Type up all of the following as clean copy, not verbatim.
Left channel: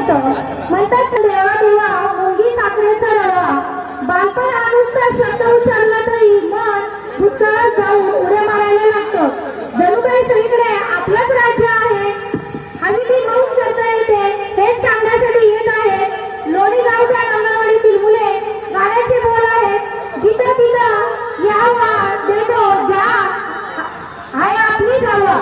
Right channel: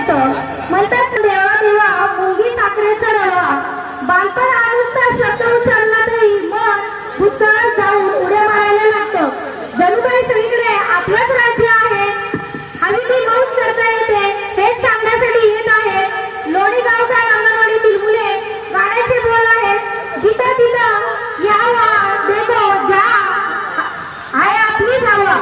येतं. म्हणतात देवा देवा मुंगी साखरेचा रवा. बालपण अनुष्ठा शब्द उचलला तरी मन भूतकाळात जाऊन उड्या मारायला लागतं. जणू काही सगळीकडे आपलंच राज्य आहे. हवी ती मौज करता येते हेच सांगण्यासाठी येत आहे. लोणी गावच्या अंगणवाडीतील मुले गाण्याचे बोल आहेत. जिथे तिथं यावा देतो जा आहे आपली जावा.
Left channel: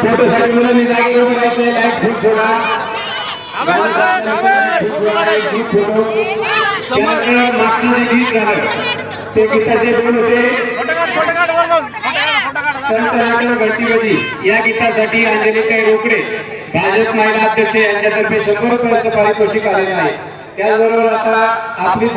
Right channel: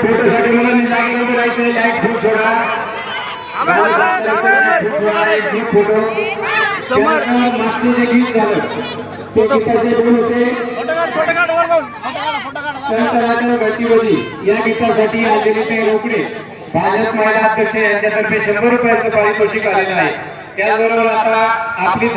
फोटोसाठी मुलांनी जागेवर उभं राहायचं. लाईट खूप थोडा मागचं जे गीत झालं ते गीताचे दोन होते. गणपती या गीतासाठी अंजलीताई रोकडे भाजप महिला अध्यक्ष यांच्यातर्फे 100 रुपयाचं पारितोषिक आलेलं आहे. त्याचबरोबर आता आपली